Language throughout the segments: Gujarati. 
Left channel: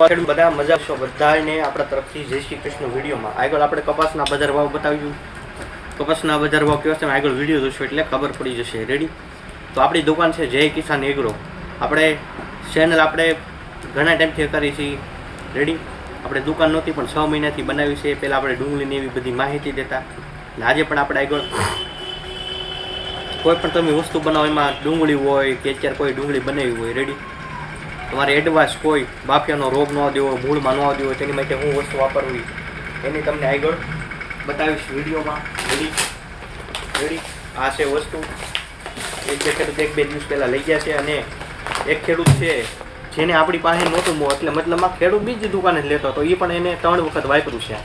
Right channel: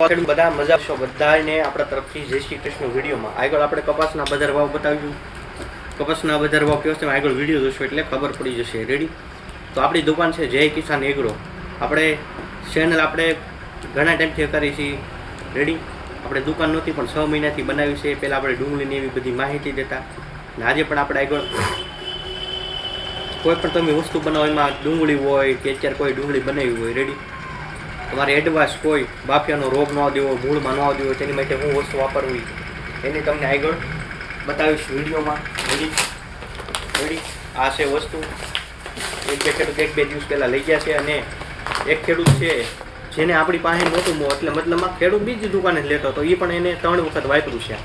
બધા મજા છો બધાને આપણા તરફથી જય શ્રી કૃષ્ણ વિડીયોમાં. આગળ આપણે કપાસના બજાર ભાવ બતાવ્યું કપાસના બજાર ભાવ કેવો છે આગળ વીડિયો જોશો એટલે ખબર પડી જશે. રેડી તો આપણી દુકાન છે જય કિસાન એગ્રો. આપણે ચેનલ આપણે ઘણા ટાઈમથી કરી છીએ. રેડી આપણે દુકાન નહોતી, પણ છ મહિનાથી બનાવી છે. પહેલાં આપણે ડુંગળીની એવી બધી માહિતી દેતા. અને આજે પણ આપણે આગળ કોઈ પણ તમે વસ્તુ બનાવો, એમાં ડુંગળી હોય કે અત્યારે કોઈ ડુંગળી બનાવી હોય રેડી તમારે એડવાન્સ કોઈ બાફિયાનો રોગ ન દેવો, મૂળમાં ન દેવો, તેની માટે હું વસ્તુ વાપરવી એની તમને આગળ બતાવીશ વિડીયોમાં. રેડી રેડી આ છે વસ્તુ. એક બે ખેડૂત એક બે દિવસ પહેલાં લઈ ગયા છે અને એક ખેડૂત છે જેને આપણી પાસે નહોતું મો, એટલે મતલબમાં ખેડૂત બીજી દુકાને લેતો હતો. એ પણ એને ત્રણ વખત વાપર્યું છે.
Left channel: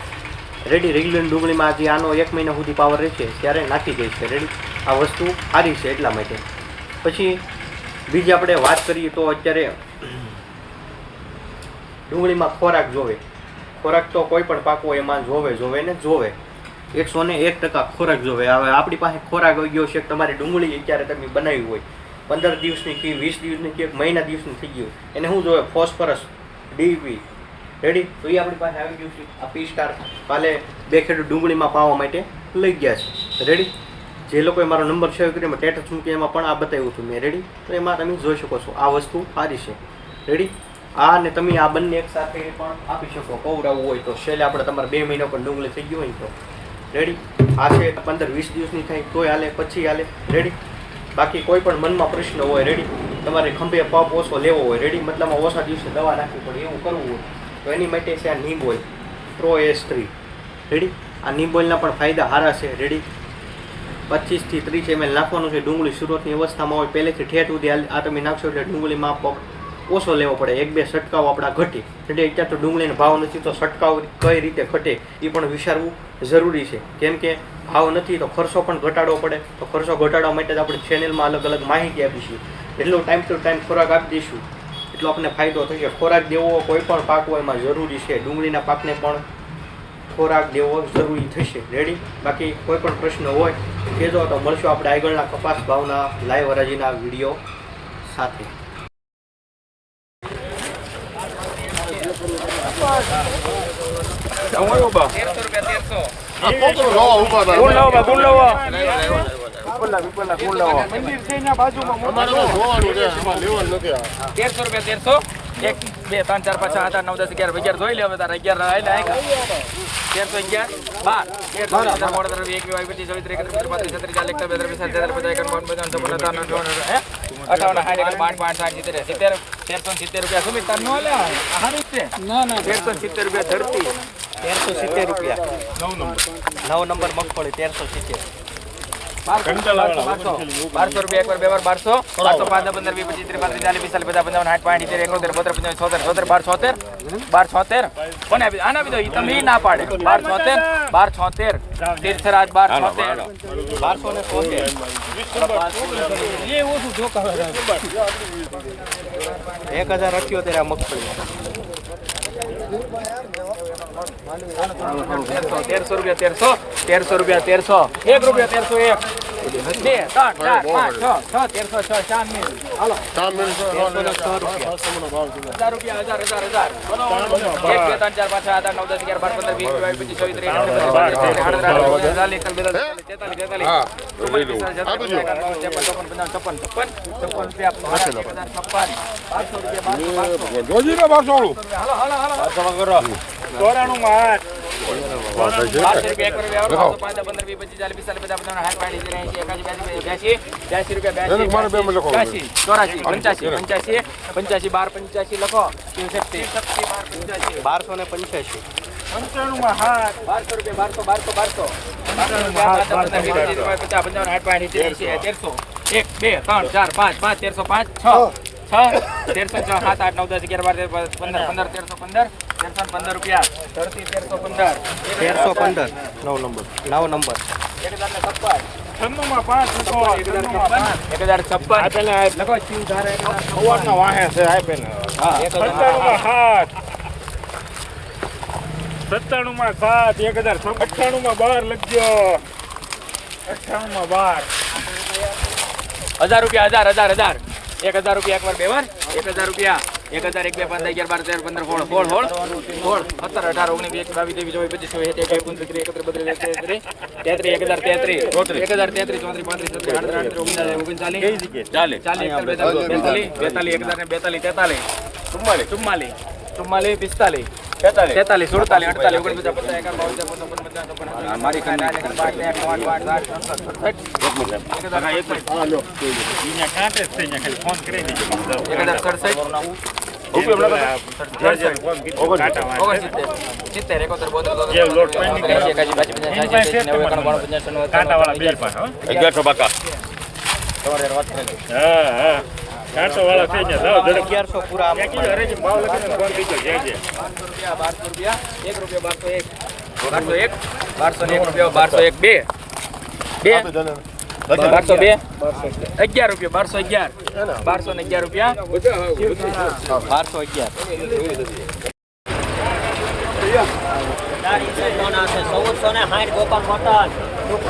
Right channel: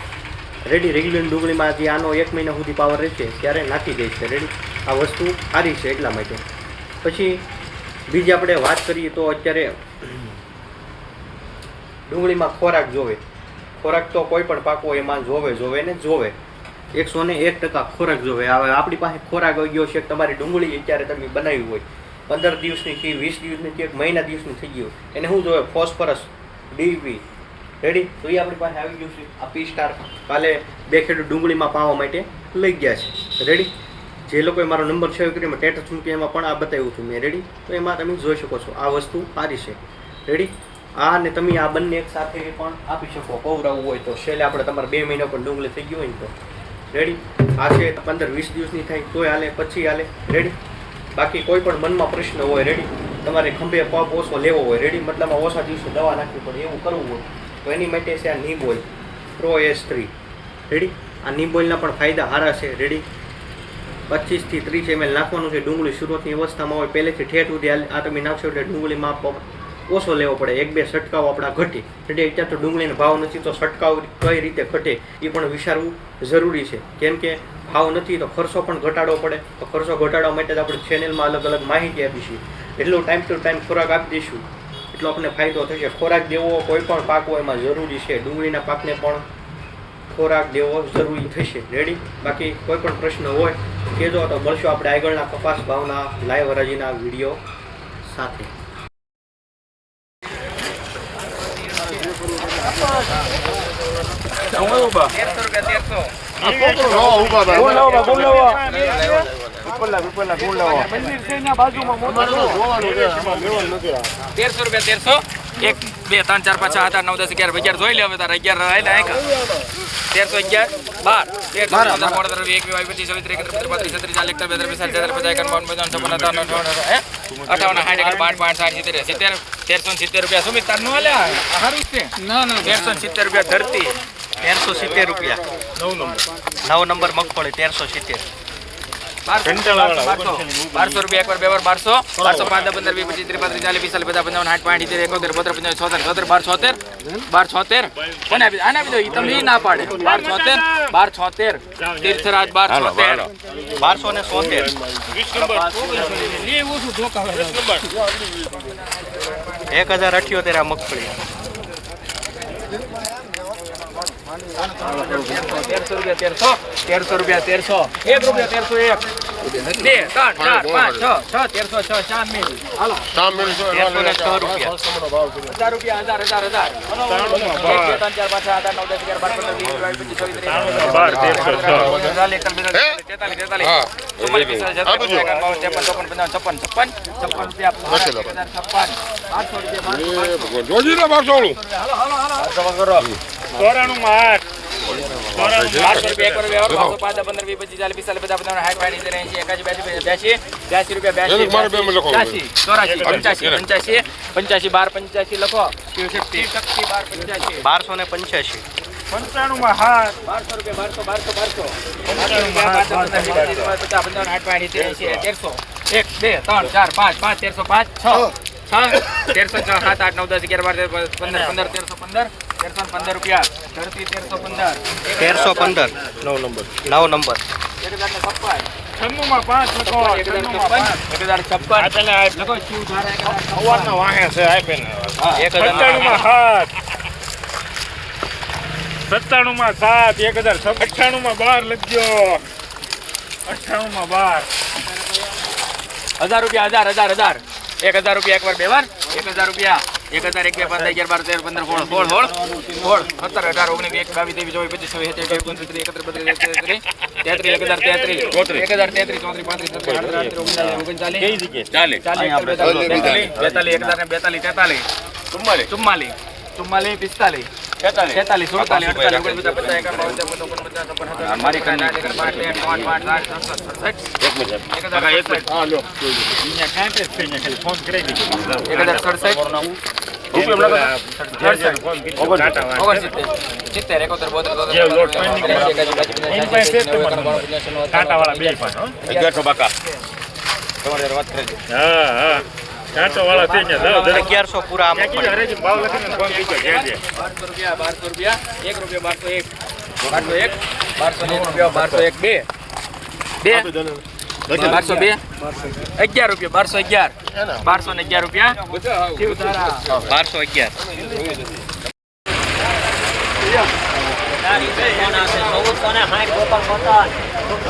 રેડી રેગ્યુલર ડુંગળીમાં જે આનો એક મહિના સુધી પાવર રહેશે ત્યારે નાખી દે છે. રેડી આ વસ્તુ સારી છે એટલા માટે. પછી બીજી આપણે વાત કરીએ તો અત્યારે ડુંગળીમાં ખોરાક જોવે. ખોરાક તો કોઈ પણ પાકો એમાં જોવે જોવે ને જોવે. એકસો ને એક ટકા ખોરાક જોવે. હવે આપણી પાસે ખોરાક આવી ગયો છે તમારી ડુંગળી અત્યારે તમે બનાવી હોય. પંદર દિવસની કે વીસ દિવસની કે એક મહિના દિવસની થઈ ગયું. એને શું જોવે? ફોસ્ફરસ ડીપી રેડી તો એ આપણી પાસે આવી ગયું છે. આ પી સ્ટાર કાલે બે ખેડૂત ડુંગળીમાં પાવા માટે લઈ ગયા છે. રેડી જે લોકોએ મારો નંબર સેવ કર્યો એમાં ટેટસ મૂકી, એમાં પણ આ બતાવ્યું હતું મેં. રેડી તો એમાં તમે જોઈ શકો છો. આ વસ્તુ સારી છે. રેડી આ ને તમે આ બંને એક સાથે પણ આપી શકો, પૌરાવું હોય તો. છેલ્લે આપણે તમારે બે મહિના પણ ડુંગળી થઈ ગયું હોય તો. રેડી આ છે પંદર વીસ દિવસની થાય, તોય હાલે, પછી હાલે. રેડી બાકી કોઈ પણ મનમાં પ્રશ્ન હોય રેડી તમારે ખંભે પપ ઓછો લેવો હોય રેડી મતલબમાં ઓછા દિવસે દવા નાખવી પડે, એવું કરવું હોય. તો એની માટે છે આ નિબોલ પ્રો એસ થ્રી રેડી આ નિબોલના પણ ફાયદા સારા છે રેડી પચીસથી ત્રીસ એમએલ નાખવાનું છે, ડુંગળી શરૂઆતની અવસ્થામાં હોય, પહેલેથી ઠેઠ સુધી આ તમે નાખશો એટલે ડુંગળીમાં પગ ઓછો લેવો પડે, એક બે છંટકાવ આપણા ઘટે. એટલે અત્યારે તો ડુંગળીનો ભાવ નથી, તો છંટકાવ કઈ રીતે ઘટે, એ પણ વિચારવું જરૂરી છે. કેમ કે ભાવ નથી, તો ખર્ચો પણ ઘટાડવો પડે. તો ખર્ચો ઘટાડવા માટે આપણે ચેનલમાં અલગ અલગ માહિતી આપીશું એટલો ટાઈમ ટુ ટાઈમ ખોરાક આપી દઈશું. એટલો આપણને ફાયદો થશે. ખોરાક દેવો કોઈ પણ પાક હોય એમાં જરૂરી છે. ડુંગળીના પાકને પણ ખોરાક દેવો જરૂરી થશે. રેડી બાકી કોઈ પણ પ્રશ્ન હોય કહેજો તો મળશું આપણે આગળના કપાસ ભાવના લાઈવ હરાજીના વીડિયો સાથે ગુણ લાવો બા, ગુણ લાવો. તેરસો રૂપિયા તેરસો એક બે ત્રણ ચાર પાંચ આઠ નવ દસ અગિયાર અગિયાર જોઈ લે હવે તારે અગિયાર આયકા તેરસો અગિયાર બાર તેર પંદર સોળ સત્તર વીસ પચીસ ત્રીસ એકત્રીસ બત્રીસ પાંત્રીસ છત્રીસ ચાલીસ એકતાલીસ બેતાલીસ પિસ્તાલીસ અઠાવન અઠાવન સાઠ એકર પાંચ પાંચ સાઠ સિત્તેર સિત્તેર તેરસો ને સિત્તેર રૂપિયા. સુમિત તાર નો હાલ્યા સારું છે? ના ના. તેરસો ને સિત્તેર રૂપિયા ધરતી. તેરસો સિત્તેર રૂપિયા. નવ નંબર. મગફળી તેરસો સિત્તેર. બારસો. રૂપિયા એકવાર બે વાર બારસો બારસો પાંચ દસ, પંદર વીસ પચીસ ત્રીસ પાંત્રીસ ચાલીસ પિસ્તાલીસ પચાસ પંચાવન સાઠ પાંઠ સિત્તેર એકોતેર બત્રીસ પંચાવન છોતેર છોતેર બાર છોતેર બાર છોતેર કોને આપી? આને આપી દો. ઈ તમને ઈ ના પાડે. બાર છોતેર બાર છોતેર તીર્થરાજ બાર છોતેર બારસો ને સોતેર. એ ઓછું ધોકા એક હજાર અઠ્યોતેર આ મગફળી. તેરસો રૂપિયા, તેરસો. તેરસો રૂપિયા, તેરસો. એક રૂપિયા, તેરસો એક. બે ત્રણ ચાર પાંચ છ છ તેરસો છ ચાર મિલ હાલો. હજાર રૂપિયા હજાર હજાર હજાર. બે ત્રણ ચાર પાંચ આઠ નવ દસ અગિયાર બાર પંદર વીસ બાવીસ પચીસ છવ્વીસ ત્રીસ એકત્રીસ બારસો બારસો પંચ્યાસી બાર પંચ્યાસી લખો શિવશક્તિ શક્તિ બાર પંચ્યાસી બારસો ને હા બારસો રૂપિયા બારસો બારસો બારસો બારસો પચાસ ને તેરસો એક બે ત્રણ ચાર પાંચ પાંચ તેરસો પાંચ છ છ તેરસો છ સાત આઠ નવ દસ અગિયાર બાર પંદર પંદર તેરસો પંદર તેરસો પંદર રૂપિયા. ધરતી તેરસો પંદર. તેરસો પંદર. નવ નંબર. નવ નંબર. એક હજાર પાંચ લખો. એક હજાર છપ્પન. લખો હજાર એક હજાર. સત્તાણું માં સાત. એક હજાર અઠ્ઠાણું માં બાર લખજો. અઠ્ઠાણું માં બાર. હજાર રૂપિયા હજાર હજાર હજાર. એક હજાર રૂપિયા એકવાર બે વાર. એક હજાર રૂપિયા. એક હજાર એક બે પાંચ અગિયાર બાર તેર પંદર હોળ હોળ હોળ હોળ સત્તર અઢાર ઓગણીસ એક બાવીસ ત્રેવીસ ચોવીસ પચીસ છવ્વીસ એકત્રીસ એકત્રીસ બત્રીસ તેત્રીસ એક હજાર તેત્રીસ એક હજાર તેત્રીસ ચોત્રીસ પાંત્રીસ છત્રીસ આડત્રીસ ઓગણચાલીસ ચાલીસ ચાલીસ બેતાલીસ બેતાલીસ એક હજાર બેતાલીસ તેતાલીસ ચુમ્માલીસ ચુમ્માલીસ ચુમ્માલીસ પિસ્તાલીસ તેતાલીસ સુડતાલીસ અડતાલીસ ઓગણપચાસ પચાસ એકાવન પચાસ અગિયારસો. બાકા. હા હા. કાંટો વાળા થઈ ગયા. અગિયારસો પૂરા આમ ક્યાંથી પડે ભાવ લખીને ફોન કરી જે જે. બારસો રૂપિયા એક રૂપિયા બારસો એક બારસો એક બારસો એક રૂપિયા બારસો એક બે બે બારસો બે અગિયાર રૂપિયા બારસો અગિયાર બારસો ને અગિયાર રૂપિયા બારસો અગિયાર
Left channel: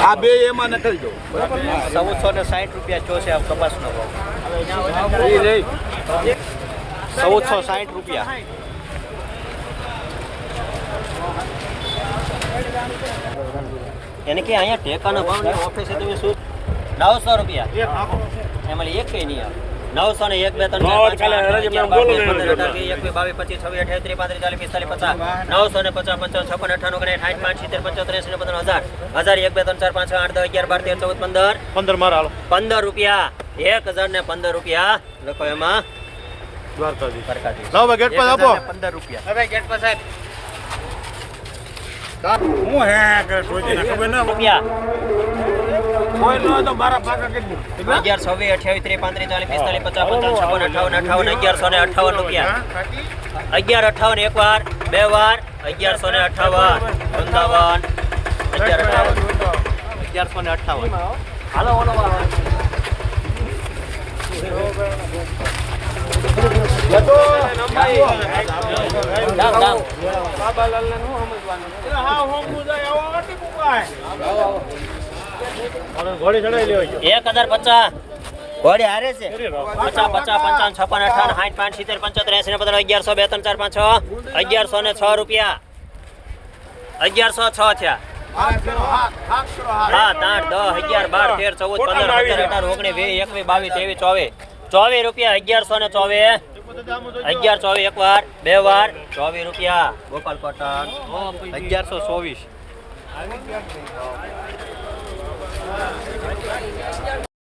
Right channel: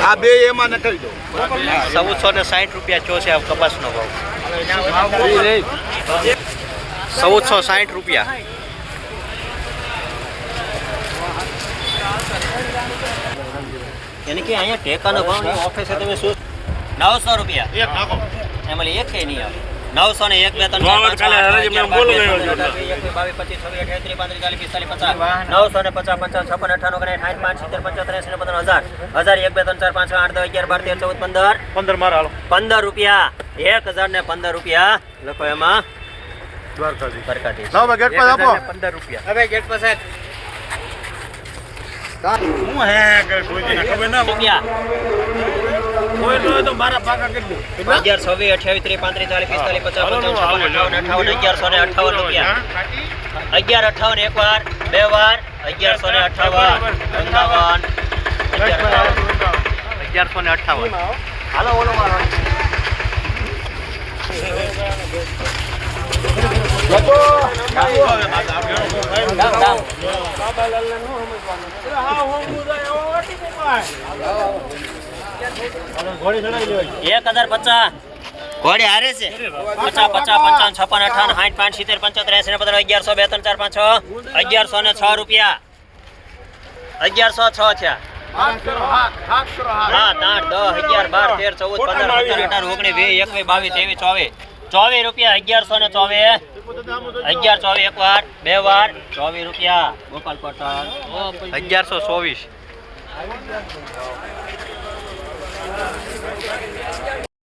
આ બે એમાં નથી દો. ચૌદસો ને સાઠ રૂપિયા ચો છે આ કપાસનો ભાવ. ચૌદસો સાઠ રૂપિયા. એને કે અહીંયા ટેકાનો ભાવ નહીં ઓફિસે તમે શું નવસો રૂપિયા. એમાં એક કે નહીં આવે. નવસો ને એક બે ત્રણ નવસો ને પચાસ, પંચાવન, છપ્પન, અઠાણું સાઠ, પાંચ, સિત્તેર, પંચોતેર, એસી ને પંદર, હજાર. હજાર, એક, બે, ત્રણ, ચાર, પાંચ, આઠ, દસ, અગિયાર, બાર, તેર, ચૌદ, પંદર. પંદર પંદર રૂપિયા. એક હજાર ને પંદર રૂપિયા લખો એમાં. દ્વારકાજી સરકારી લાવો ગેટ પર આપો. પંદર રૂપિયા. હવે ગેટ પાસે હું હે ખબર રૂપિયા. કોઈ ન હોય તો મારા પાકા કરી દો. અગિયાર છવ્વીસ અઠ્યાવીસ ત્રીસ પાંત્રીસ ચાલીસ પિસ્તાલીસ પચાસ અઠ્ઠાવન અગિયારસો ને અઠ્ઠાવન રૂપિયા. અગિયાર અઠ્ઠાવન એક વાર બે વાર અગિયારસો ને અગિયાર અઠ્ઠાવન અગિયારસો ને અઠ્ઠાવન. ઘોડી એક હજાર પચાસ. ઘોડી પચાસ પચાસ, પંચાવન, છપ્પન, અઠાવન, સાઠ, પાંચ, સિત્તેર, પંચોતેર એસી અગિયારસો બે ત્રણ ચાર, પાંચ, છ, અગિયારસો ને છ રૂપિયા. અગિયારસો છ થયા. સાત, આઠ, દસ, અગિયાર, બાર, તેર, ચૌદ, પંદર, સત્તર ઓગણીસ, વીસ, એકવીસ, બાવીસ, ત્રેવીસ, ચોવીસ. ચોવીસ રૂપિયા, અગિયારસો ને ચોવીસ. અગિયાર ચોવીસ એક વાર બે વાર ચોવીસ રૂપિયા. ગોપાલ પટેલ અગિયારસો ચોવીસ.